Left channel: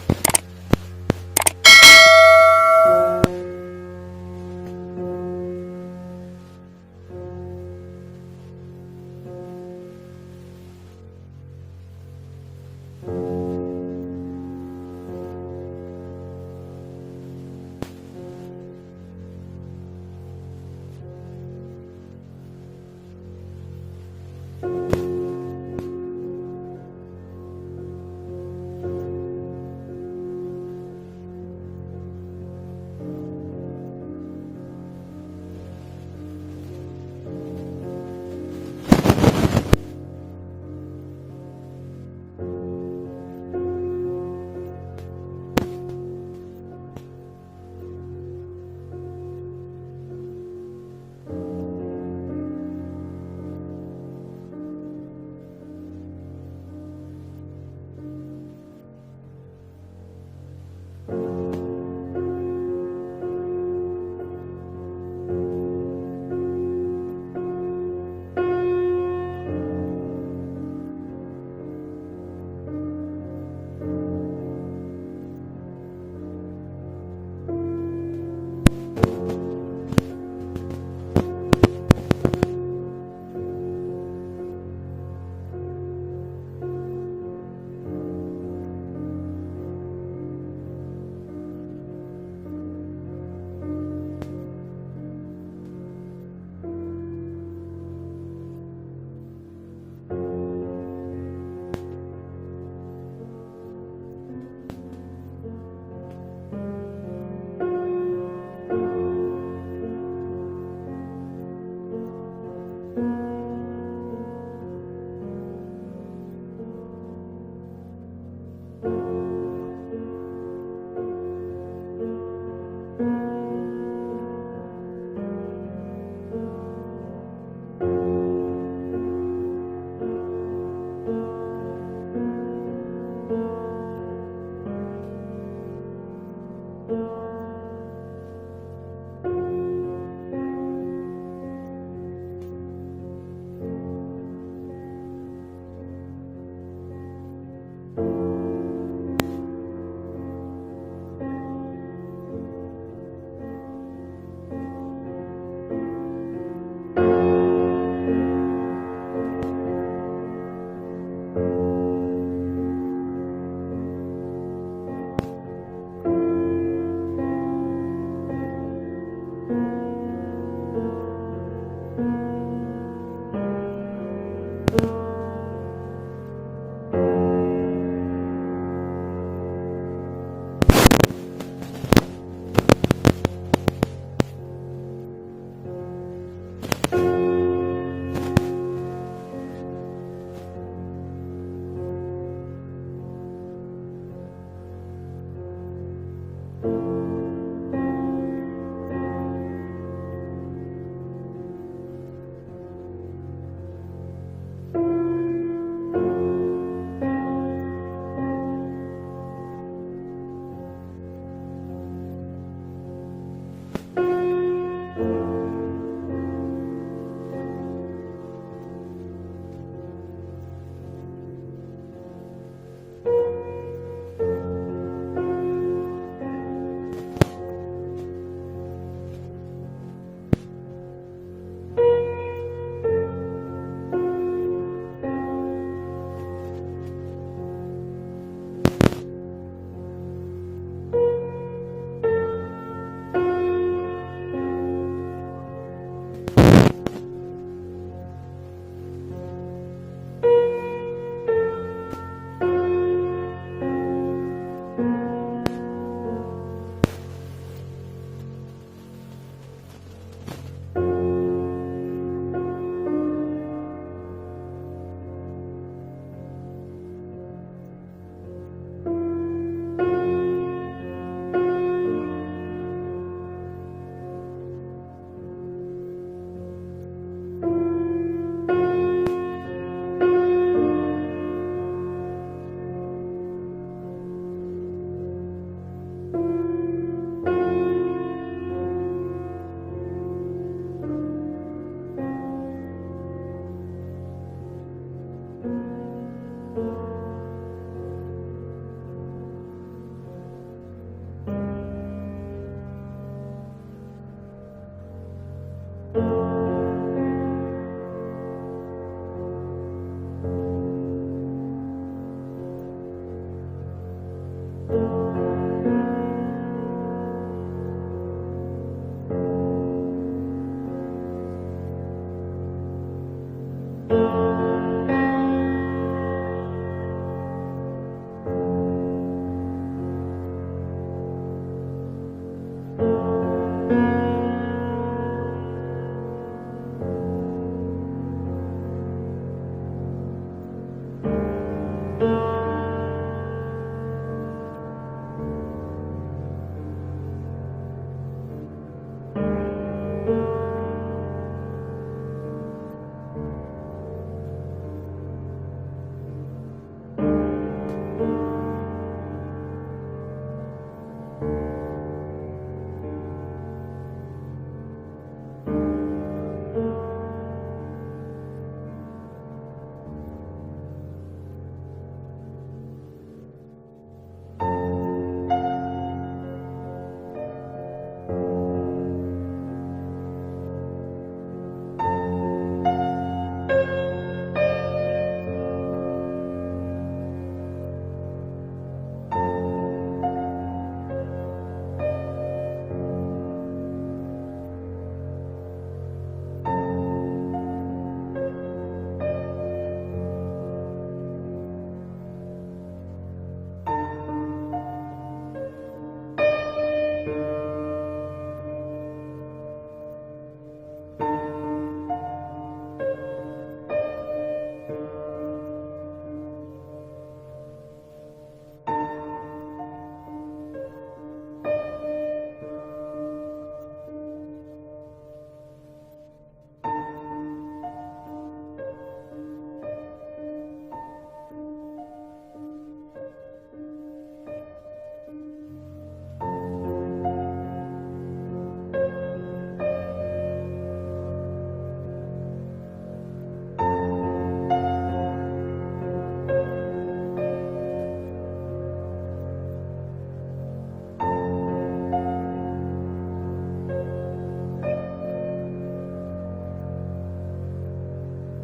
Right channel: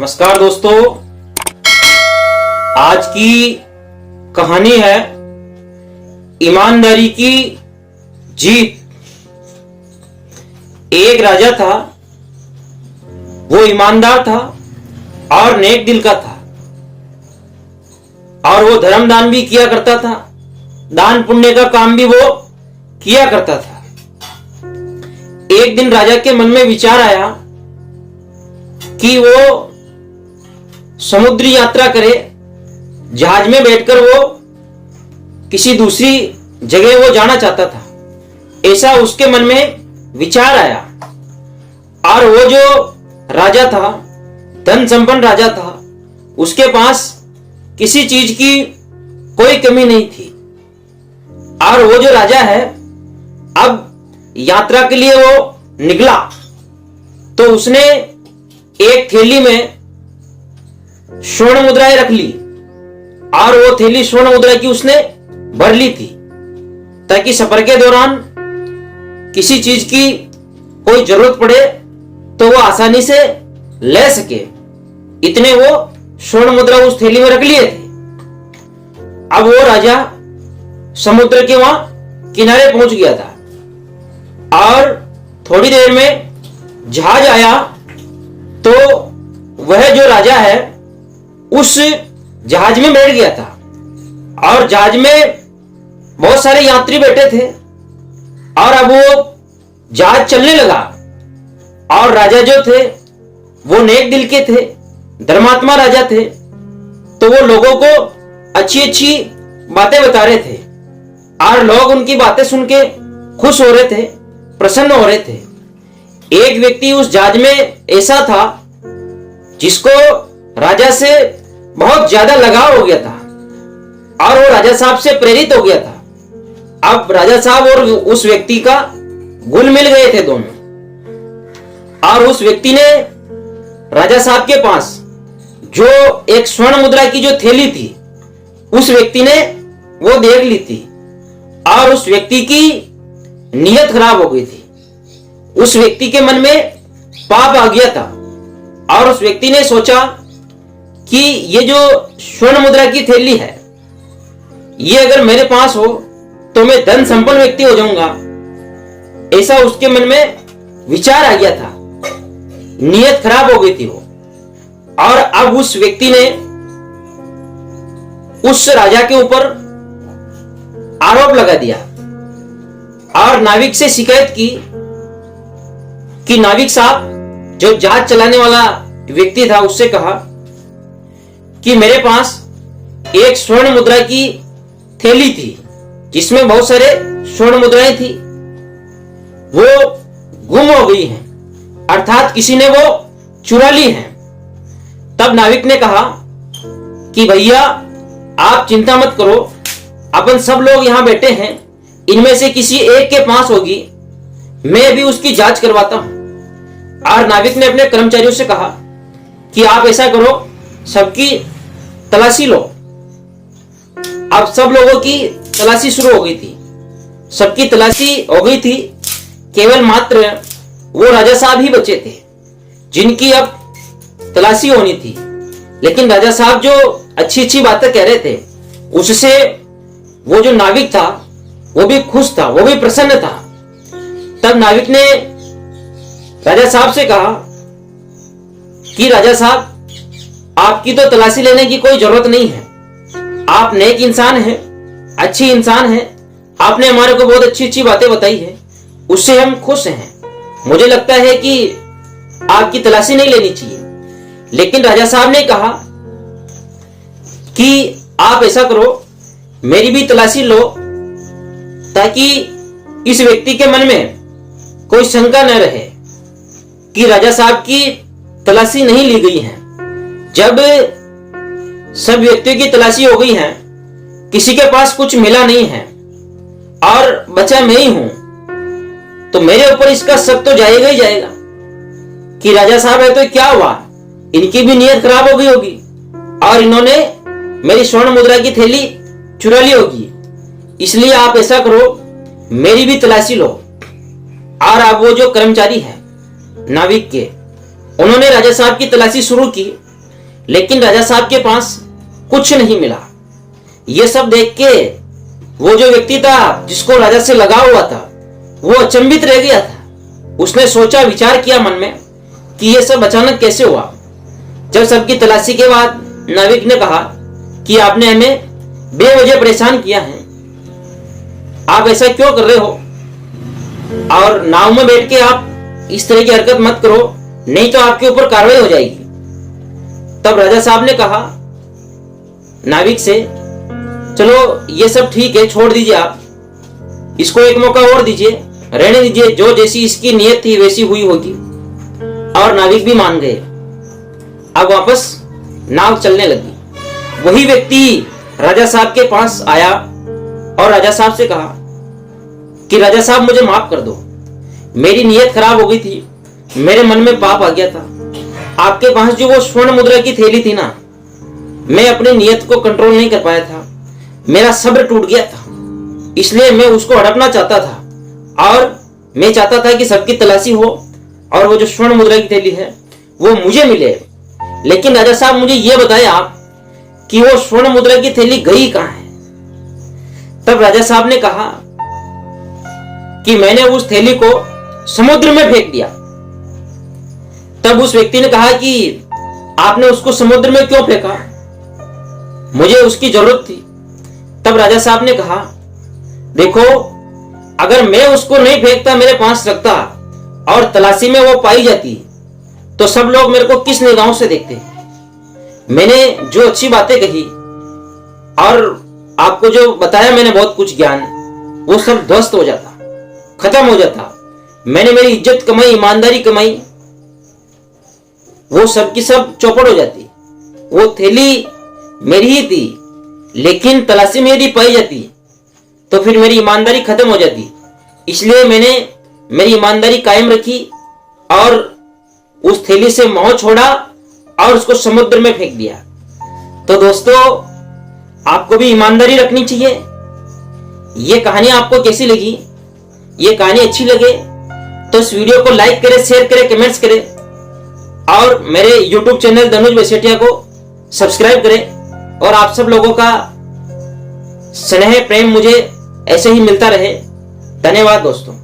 नमस्कार दोस्तों, आज की कहानी है ईमानदारी की जीत। एक राजा था, वो ईमानदार था और नेक दिल का था और वो धर्म दान भी किया करता था, दान पुण्य का काम भी वो किया करता था। एक दिन राजा के मन में विचार आया कि वो समुद्री यात्रा करे, जहाज में बैठकर वो किसी दूसरी जगह वो जाना चाहता था। ऐसा उसके मन में विचार आया और वो जो राजा था, धन संपन्न राजा था, उसके पास किसी चीज की कोई कमी नहीं थी। और वो जो राजा है, अब यात्रा के लिए वो निकला तो उसने एक थैली में स्वर्ण मुद्राएं रख ली और वो थैली स्वर्ण मुद्रा की उसने भर ली थी, ताकि सफर के दौरान किसी चीज की कोई जरूरत पड़े तो वो आसानी से ले सके। इतने वो स्वर्ण मुद्रा उस थैली में रख लिए थे। अब वो राजा समुद्र के वहां किनारे पहुंच गया था और थोड़ी देर में जहाज आया तो वह जो राजा है उस जहाज में बैठ गया था और जहाज में बहुत सारे यात्री बैठे थे और अब वो जहाज चलने लगा। और राजा जो थे वो नेक दिल के थे, धर्मात्मा राजा थे, तो वो लोगों को अच्छी अच्छी बातें बता रहे थे और लोग उनकी बातें सुन के खुश हो रहे थे, प्रसन्न हो रहे थे। एक व्यक्ति उस जहाज में ऐसा था जिसको राजा से बहुत ज्यादा लगाव हो गया था और वो राजा साहब से प्रेरित हो गया था। अब राजा साहब और उस व्यक्ति का घुल मिल गए थे दोनों। और उस व्यक्ति ने राजा साहब के पास जो एक स्वर्ण मुद्रा की जो थैली थी, उस व्यक्ति ने वो देख ली थी और उस व्यक्ति की नीयत खराब हो गई थी। उस व्यक्ति के मन में पाप आ गया था और उस व्यक्ति ने सोचा कि ये जो स्वर्ण मुद्रा की थैली है, ये अगर मेरे पास हो तो मैं धन संपन्न व्यक्ति हो जाऊंगा। ऐसा उसके मन में विचार आ गया था, नीयत खराब हो गई थी वो। और अब उस व्यक्ति ने उस राजा के ऊपर आरोप लगा दिया और नाविक से शिकायत की कि नाविक साहब, जो जहाज चलाने वाला व्यक्ति था, उससे कहा कि मेरे पास एक स्वर्ण मुद्रा की थैली थी जिसमें बहुत सारे स्वर्ण मुद्राएं थी, वो गुम हो गई हैं, अर्थात किसी ने वो चुरा ली हैं। तब नाविक ने कहा कि भैया आप चिंता मत करो, अपन सब लोग यहां बैठे हैं, इनमें से किसी एक के पास होगी, मैं भी उसकी जांच करवाता हूं। और नाविक ने अपने कर्मचारियों से कहा कि आप ऐसा करो, सबकी तलाशी लो। अब सब लोगों की तलाशी शुरू हो गई थी, सबकी तलाशी हो गई थी, केवल मात्र वो राजा साहब ही बचे थे जिनकी अब तलाशी होनी थी। लेकिन राजा साहब जो अच्छी अच्छी बातें कह रहे थे, उससे वो जो नाविक था वो भी खुश था, वो भी प्रसन्न था। तब नाविक ने राजा साहब से कहा कि राजा साहब, आपकी तो तलाशी लेने की कोई जरूरत नहीं है, आप नेक इंसान हैं, अच्छी इंसान हैं, आपने हमारे को बहुत अच्छी अच्छी बातें बताई है, उससे हम खुश हैं। मुझे लगता है कि आपकी तलाशी नहीं लेनी चाहिए। लेकिन राजा साहब ने कहा कि आप ऐसा करो, मेरी भी तलाशी लो, ताकि इस व्यक्ति के मन में कोई शंका न रहे कि राजा साहब की तलाशी नहीं ली गई है। जब सब व्यक्तियों की तलाशी हो गई है, किसी के पास कुछ मिला नहीं है और बचा मैं ही हूं, तो मेरे ऊपर इसका शक तो जाएगा ही जाएगा कि राजा साहब है तो क्या हुआ, इनकी भी नीयत खराब हो गई होगी और इन्होंने मेरी स्वर्ण मुद्रा की थैली चुरा ली होगी। इसलिए आप ऐसा करो, मेरी भी तलाशी लो। और अब वो जो कर्मचारी है नाविक के, उन्होंने राजा साहब की तलाशी शुरू की लेकिन राजा साहब के पास कुछ नहीं मिला। ये सब देख के वो जो व्यक्ति था जिसको राजा से लगाव हुआ था वो अचंभित रह गया था। उसने सोचा, विचार किया मन में कि ये सब अचानक कैसे हुआ। जब सबकी तलाशी के बाद नाविक ने कहा कि आपने हमें बेवजह परेशान किया है, आप ऐसा क्यों कर रहे हो, और नाव में बैठ के आप इस तरह की हरकत मत करो, नहीं तो आपके ऊपर कार्रवाई हो जाएगी। तब राजा साहब ने कहा नाविक से, चलो ये सब ठीक है, छोड़ दीजिए, आप इसको एक मौका और दीजिए, रहने दीजिए, जो जैसी इसकी नीयत थी वैसी हुई होगी। और नाविक भी मान गए। अब वापस नाव चलने लगी। वही व्यक्ति राजा साहब के पास आया और राजा साहब से कहा कि राजा साहब मुझे माफ कर दो, मेरी नीयत खराब हो गई थी, मेरे मन में पाप आ गया था। आपके पास जो वो स्वर्ण मुद्रा की थैली थी ना, मैं अपनी नीयत को कंट्रोल नहीं कर पाया था, मेरा सब्र टूट गया था, इसलिए मैं उसको हड़पना चाहता था और मैं चाहता था कि सबकी तलाशी हो और वो जो स्वर्ण मुद्रा की थैली है वो मुझे मिले। लेकिन राजा साहब मुझे ये बताएं आप कि वो स्वर्ण मुद्रा की थैली गई कहां है। तब राजा साहब ने कहा कि मैंने उस थैली को समुद्र में फेंक दिया। तब उस व्यक्ति ने कहा कि आपने उसको समुद्र में क्यों फेंका, मुझे उसकी जरूरत थी। तब राजा साहब ने कहा, देखो अगर मैं उसको नहीं फेंकता, मेरे पास रखता और तलाशी में वो पाई जाती तो सब लोग मेरे को किस निगाहों से देखते। मैंने जो अच्छी बातें कही और आपको जो बताया मैंने बहुत कुछ ज्ञान, वो सब ध्वस्त हो जाता, खत्म हो जाता। मैंने मेरी इज्जत कमाई, ईमानदारी कमाई, वो सब की सब चौपट हो जाती। वो थैली मेरी ही थी, लेकिन तलाशी में यदि पाई जाती तो फिर मेरी ईमानदारी खत्म हो जाती। इसलिए मैंने मेरी ईमानदारी कायम रखी और उस थैली से मोह छोड़ा और उसको समुद्र में फेंक दिया। तो दोस्तों, आपको भी ईमानदारी रखनी चाहिए। ये कहानी आपको कैसी लगी? ये कहानी अच्छी लगे तो इस वीडियो को लाइक करें, शेयर करें, कमेंट्स करें और मेरे YouTube चैनल धनुज बसेठिया को सब्सक्राइब करें। और आप सब लोगों का स्नेह प्रेम मुझे ऐसे ही मिलता रहे। धन्यवाद दोस्तों।